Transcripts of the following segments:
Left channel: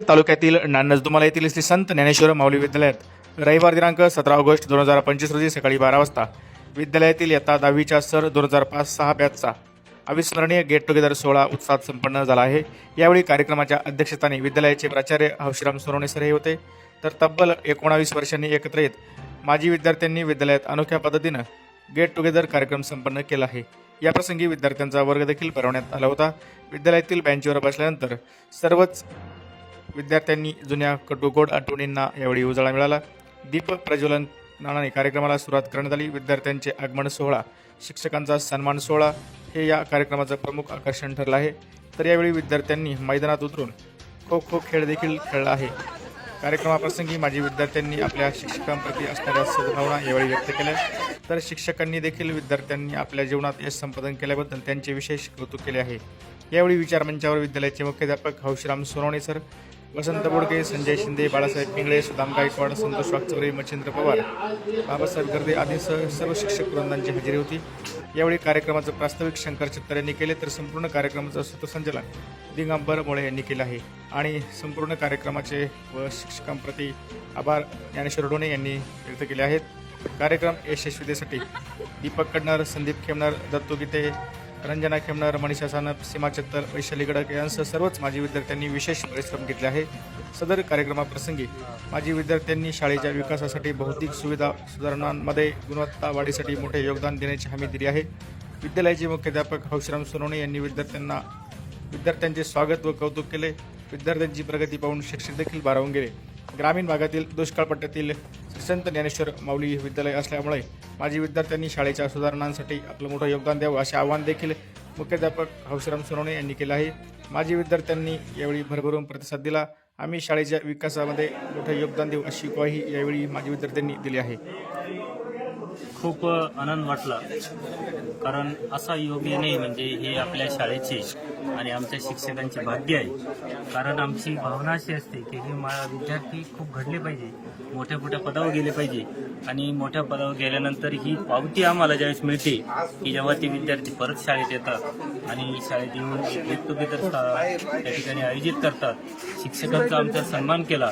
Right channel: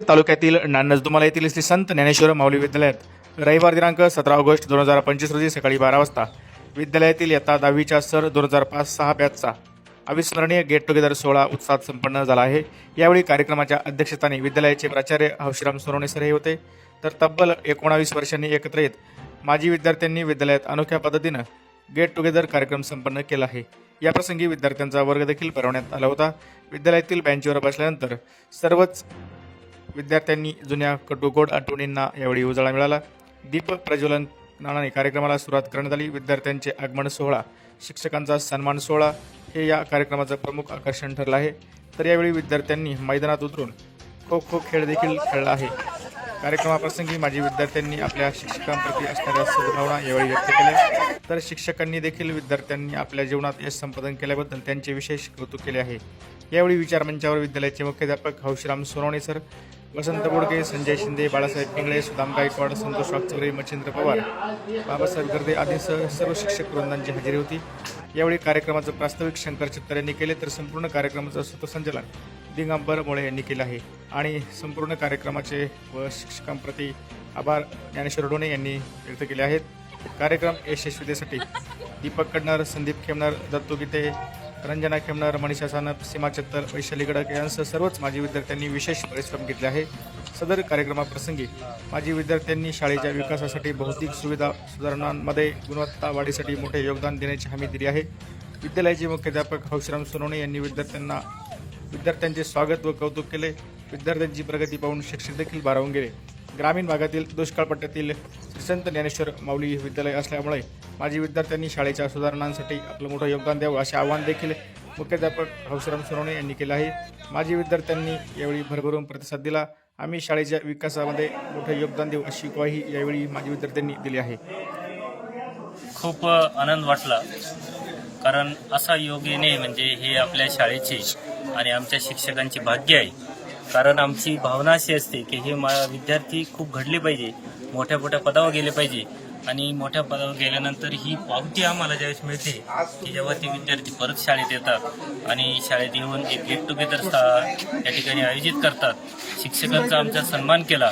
तालुक्यातील नंदुरबार येथील श्री संत ज्ञानेश्वर माऊली विद्यालयात रविवार दिनांक 17 ऑगस्ट 2025 रोजी सकाळी 12 वाजता विद्यालयातील इयत्ता 10वीच्या सर 2005-6 बॅचचा अविस्मरणीय गेट टुगेदर सोहळा उत्साहात संपन्न झाला आहे। यावेळी कार्यक्रमाच्या अध्यक्षस्थानी विद्यालयाचे प्राचार्य हौशीराम सोनवणे सर हे होते। तर तब्बल 19 वर्षांनी एकत्र येत माजी विद्यार्थ्यांनी विद्यालयात अनोख्या पद्धतीने गेट टुगेदर कार्यक्रम संपन्न केला आहे। याप्रसंगी विद्यार्थ्यांचा वर्ग देखील भरवण्यात आला होता। विद्यालयातील बेंचवर बसल्यानंतर सर्वच विद्यार्थ्यांनी जुन्या कटुगोड आठवणींना यावेळी उजाळा मिळाला। दीप प्रज्वलनाने कार्यक्रमाला सुरुवात करण्यात आली। विद्यार्थ्यांचे आगमन सोहळा, शिक्षकांचा सन्मान सोहळा हे या कार्यक्रमाचं प्रमुख आकर्षण ठरलं आहे। तर यावेळी विद्यार्थ्यांनी मैदानात उतरून खो खो खेळ देखील खेळला आहे। कार्यक्रमाप्रसंगी माजी विद्यार्थ्यांनी आपल्या शिक्षकांप्रती असणाऱ्या सद्भावना यावेळी व्यक्त केल्या। तर शिक्षकांनी देखील विद्यार्थ्यांनी आपल्या जीवनात यश संपादन केल्याबद्दल त्यांचे विशेष कौतुक केले आहे। यावेळी विचारमंचावर विद्यालयाचे मुख्याध्यापक हौशीराम सोनवणे सर, वसंत बोडके, संजय शिंदे, बाळासाहेब पिंगळे, सुदाम गायकवाड, संतोष वागचौरे, मच्छिंद्र पवार, बाबासाहेब गर्दे आदी सर्व शिक्षक वृंदांची हजेरी होती। यावेळी कार्यक्रमाचं प्रास्ताविक शंकर चित्तर यांनी केले, तर संपूर्ण कार्यक्रमाचं सूत्रसंचालन दिगंबर मोळे यांनी केलं आहे। आणि संपूर्ण कार्यक्रमाचे व शिक्षकांप्रती आभार ज्ञानेश्वर डोणे यांनी व्यक्त केले आहेत। कार्यक्रम यशस्वीतेसाठी दीपक कडनर, संदीप खेमनर, दत्तू गीते, रंजना खेमनर, मनीषा सानप, सीमा चत्तर, वैशाली गडक यांसह सर्वच माजी विद्यार्थ्यांनी विशेष परिश्रम घेतले आहे। सदर कार्यक्रमाप्रसंगी माजी विद्यार्थ्यांनी शाळेच्या विकासासाठी भौतिक सुविधा सुधारणांमध्ये गुणवत्ता वाढीसाठी मोठे योगदान देण्याची हमी दिली आहे। विद्यालयाचे मुख्याध्यापक हौशीराम सोनवणे यांनी विद्यार्थ्यांचे स्वागत व कौतुक केले। विद्यार्थ्यांची प्रगती पाहून शिक्षक देखील भारावून गेले। ग्रामीण भागातील दुष्काळ पट्ट्यातील श्री संत ज्ञानेश्वर माऊली विद्यालय असल्यामुळे माजी विद्यार्थ्यांनी शाळेच्या सुधारणांसाठी आपलं मोठं योगदान द्यावं असे आवाहन देखील मुख्याध्यापक हौशीराम सोनवणे यांनी केलं आहे। माजी विद्यार्थ्यांनी यावेळी भरभरून प्रतिसाद दिला। आम्ही शाळेच्या विकासामध्ये मोठं योगदान देऊ अशी ग्वाही यावेळी माजी विद्यार्थ्यांनी दिली आहे। खूप आनंद वाटला, कारण असा योग येणे म्हणजे हे आपल्या शाळेचे आणि आमच्या शिक्षकांची भाग्य आहे। कारण आमची भावना अशी असते की हे विद्यार्थी खूप घडले पाहिजे, मोठ्या मोठ्या पदावर गेले पाहिजे, आणि मोठ्या पदावर गेल्यानंतर ही पावती आम्हाला ज्यावेळेस मिळते की जेव्हा ते विद्यार्थी परत शाळेत येतात आणि शाळेत येऊन एक गेट टुगेदर त्या ठिकाणी आयोजित करतात। शिक्षकांचा आमचा सन्मान केला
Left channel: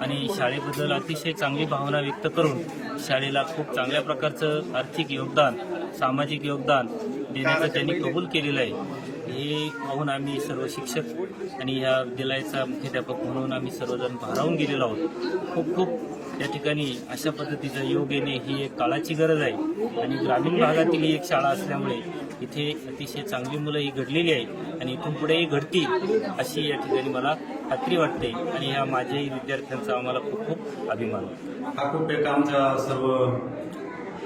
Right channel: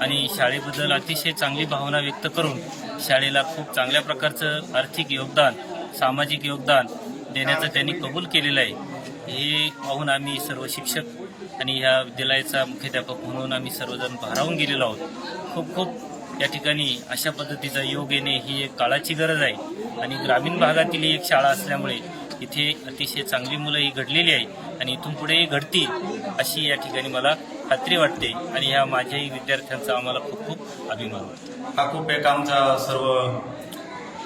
आणि शाळेबद्दल अतिशय चांगली भावना व्यक्त करून शाळेला खूप चांगल्या प्रकारचं आर्थिक योगदान, सामाजिक योगदान देण्याचं त्यांनी कबूल केलेलं आहे। हे पाहून आम्ही सर्व शिक्षक आणि ह्या विद्यालयाचा मुख्याध्यापक म्हणून आम्ही सर्वजण भारावून गेलेलो आहोत। खूप खूप या ठिकाणी अशा पद्धतीचा योग येणे ही एक काळाची गरज आहे आणि ग्रामीण भागातील ही एक शाळा असल्यामुळे इथे अतिशय चांगली मुलं ही घडलेली आहे आणि इथून पुढेही घडतील अशी या ठिकाणी मला खात्री वाटते। आणि ह्या माझ्याही विद्यार्थ्यांचा आम्हाला खूप खूप अभिमान वाटतो। हा खूप एक आमच्या सर्व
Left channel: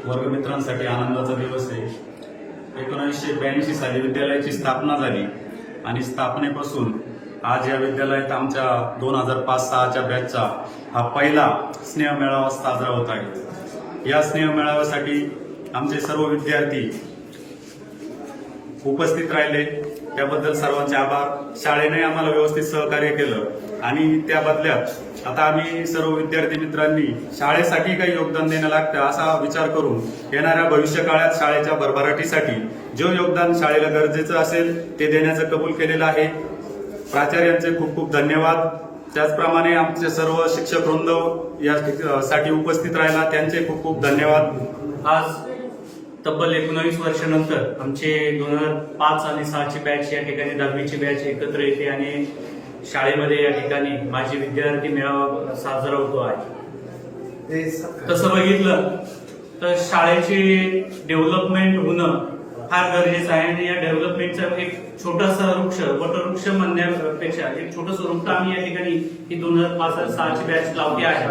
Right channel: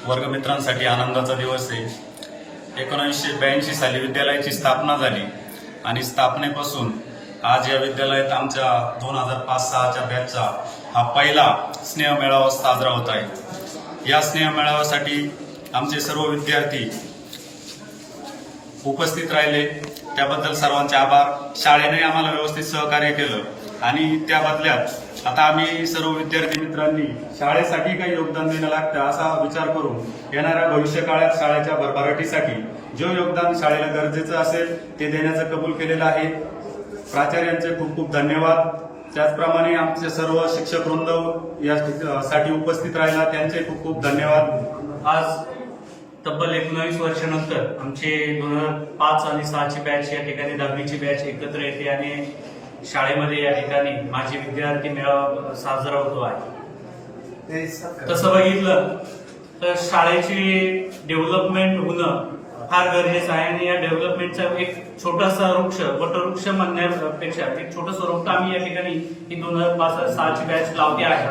वर्गमित्रांसाठी आनंदाचा दिवस आहे। 1982 साली विद्यालयाची स्थापना झाली आणि स्थापनेपासून आज या विद्यालयात आमच्या 2005-6च्या बॅचचा हा पहिला स्नेह मेळावा साजरा होत आहे। या स्नेह मेळाव्यासाठी आमचे सर्व विद्यार्थी उपस्थित राहिले, त्याबद्दल सर्वांचे आभार। शाळेने आम्हाला व्यवस्थित सहकार्य केलं आणि त्या बदल्यात आता आम्ही सर्व विद्यार्थी मित्रांनी शाळेसाठी काही योगदान देणं लागतं असा विचार करून येणाऱ्या भविष्य काळात शाळेच्या भरभराटीसाठी जो योगदान शाळेला गरजेचं असेल ते देण्याचं कबूल केलेलं आहे। प्राचार्यांचे खूप खूप धन्यवाद। त्याचप्रमाणे आमचे सर्व शिक्षक वृंद यासाठी उपस्थित राहिला, त्यांचे खूप खूप धन्यवाद। आज तब्बल 19 वर्षानंतर आमचे 2005 आणि 6ची बॅच या ठिकाणी 10वीची बॅच एकत्र येते आणि शाळेमध्ये या ठिकाणी माझे विद्यार्थी मेळावा साजरा होतो आहे। तसं बघितलं तर शाळेची डेव्हलपमेंट होणं फार गरजेचं आहे आणि या डेव्हलपमेंटचा एक छोटासा वृक्ष, वटवृक्ष म्हणण्यापेक्षा एक छोटंसं रोपटं आम्ही या ठिकाणी ही 2005-6ची बॅच लावते आहे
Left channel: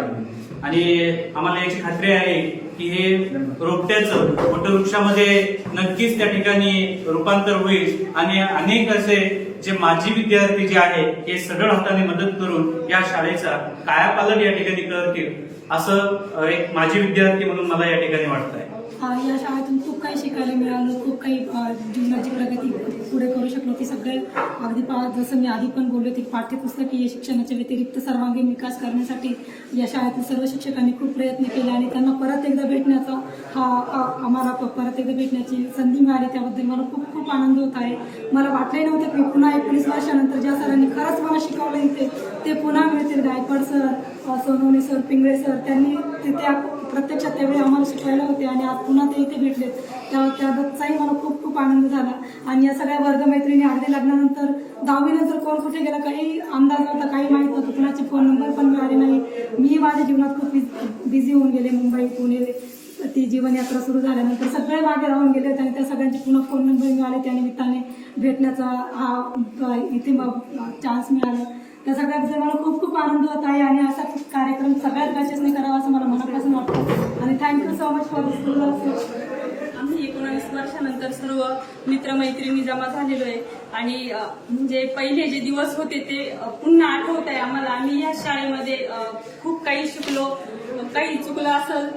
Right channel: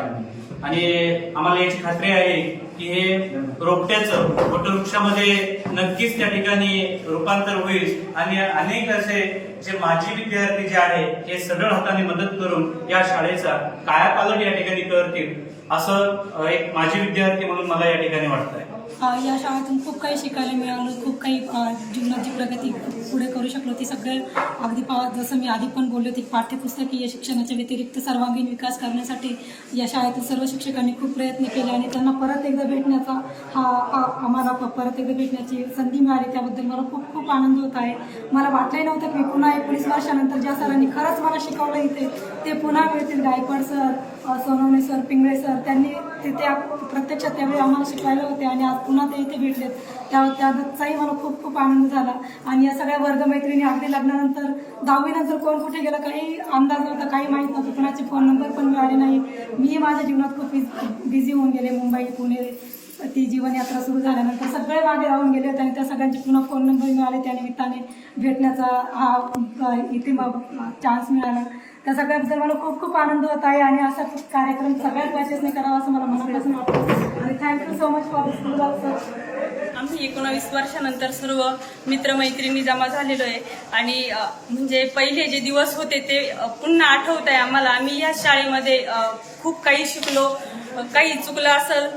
आणि आम्हाला याची खात्री आहे की हे रोपट्याचं वटवृक्षामध्ये नक्कीच त्या ठिकाणी रूपांतर होईल आणि अनेक असे जे माजी विद्यार्थी जे आहे हे सगळं हाताने मदत करून या शाळेचा कायापालट या ठिकाणी करतील असं एक माजी विद्यार्थी म्हणून मला या ठिकाणी वाटत आहे। या शाळेतून खूप काही शिकायला मिळालं, खूप काही जीवनाची प्रगती पुढे करू शकलो. ती सगळे अगदी जसं मी आधी पण बोलले होते, पाठ्यपुस्तकीय शिक्षणाच्या व्यतिरिक्त सर्वांगीण विकास करण्यासाठी या शाळेतील सर्व शिक्षकांनी खूप प्रयत्न केले आणि त्यांना परत एकदा भेटण्याचा आम्हाला परत एकदा भेटण्याची संधी मिळाली. त्याबद्दल मला खूप खूप आनंद होत आहे. मला वाटलंही नव्हतं की पुन्हा 19 वर्षानंतर ज्या सरांनी खरंच मला शिकवलं इथे ते पुन्हा मिळतील. Gaikwad sir, Sonawane sir, Pingle sir, त्यांनी तिथे प्रत्यक्षात त्यावेळी आम्हाला शिकवायला होते आणि आज पुन्हा ते इथे भेटलेत. त्याबाबतचाही मला खूप खूप आनंद झाला. आणि या सगळ्या वर्गमैत्रिणी अगदी लग्नानंतर 10वी नंतर कोण कुठे गेलं काही अंदाज नव्हता, काही माहीत नव्हतं, कुणाचे फोन नंबर पण मिळाले नाही. मी माझ्या जीवनात खूप बिझी होऊन गेले. मुंबई, पुणे ती जीवनयात्रा सुरू झाल्यानंतर सगळे मागे राहून गेले होते आणि त्या सगळ्यांचे पुन्हा फोन नंबर मिळाले. त्या निमित्ताने भेटण्याचा हा इथे चान्स मिळाला. त्या सगळ्याबद्दल मला खूप खूप आनंद होत आहे आणि असा कार्यक्रम सगळ्याच बॅचेसने करावा असं मला मनापासून वाटतं. आणि thank you so much for this school also. आम्ही 19 वर्षानंतर सर्व मित्रमैत्रिणी जमा झालेलो आहे आणि म्हणजे पहिले जे दिवस होते ते पुन्हा आठवत आहे आम्हाला. आम्ही या शाळेमध्ये खूप काही शिकलो, काही चुकलं असेल,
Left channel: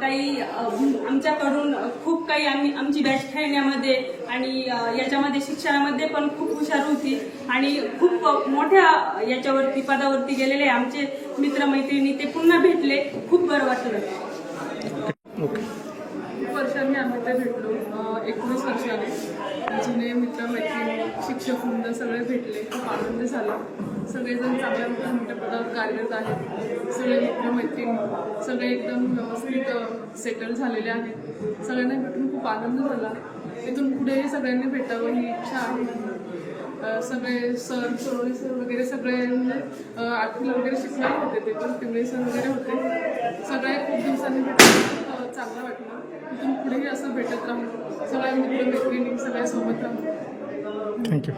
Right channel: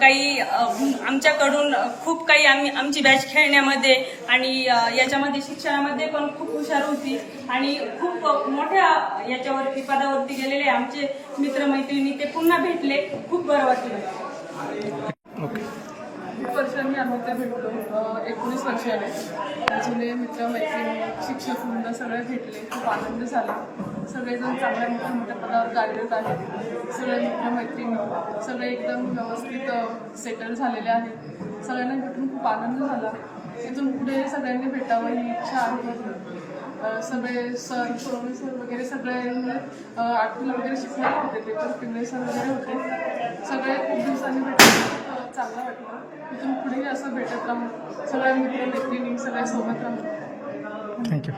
काही आमच्याकडून खूप काही आमची बॅच खेळण्यामध्ये आणि याच्यामध्ये शिक्षणामध्ये पण खूप हुशार होती आणि खूप मोठ्या याच्यावरती पदावरती गेलेले आमचे मित्रमैत्रिणी ते पुन्हा भेटले. खूप बरं वाटलं. ओके. खूप वर्षांनी आम्ही ते भेटलो. 19 वर्षाने जुने मित्रमैत्रिणी, शिक्षक वृंद सगळे भेटले. खूप आनंद झाला. सगळेजण चांगल्या मोठ्या मोठ्या पदावर कार्यरत आहेत. सगळे मित्रमैत्रिणी सगळे एकदम व्यवस्थित सेटल झालेले आहेत. सगळ्यांना भेटून खूप आनंद झाला. इथून पुढे सगळ्यांनी भेटावं ही इच्छा आहे. सगळे सर, सोनवणे सर वगैरे सगळे म्हणजे 8वीला वगैरे शिकलेले होते, ते पण पिंगळे सर वगैरे होते. सगळे खूप दिवसांनी भेटून खूप चांगलं वाटलं. इथून पुढेही असं भेटत राहू, सगळ्या मित्रमैत्रिणी सगळ्या सोबत राहू. थँक्यू.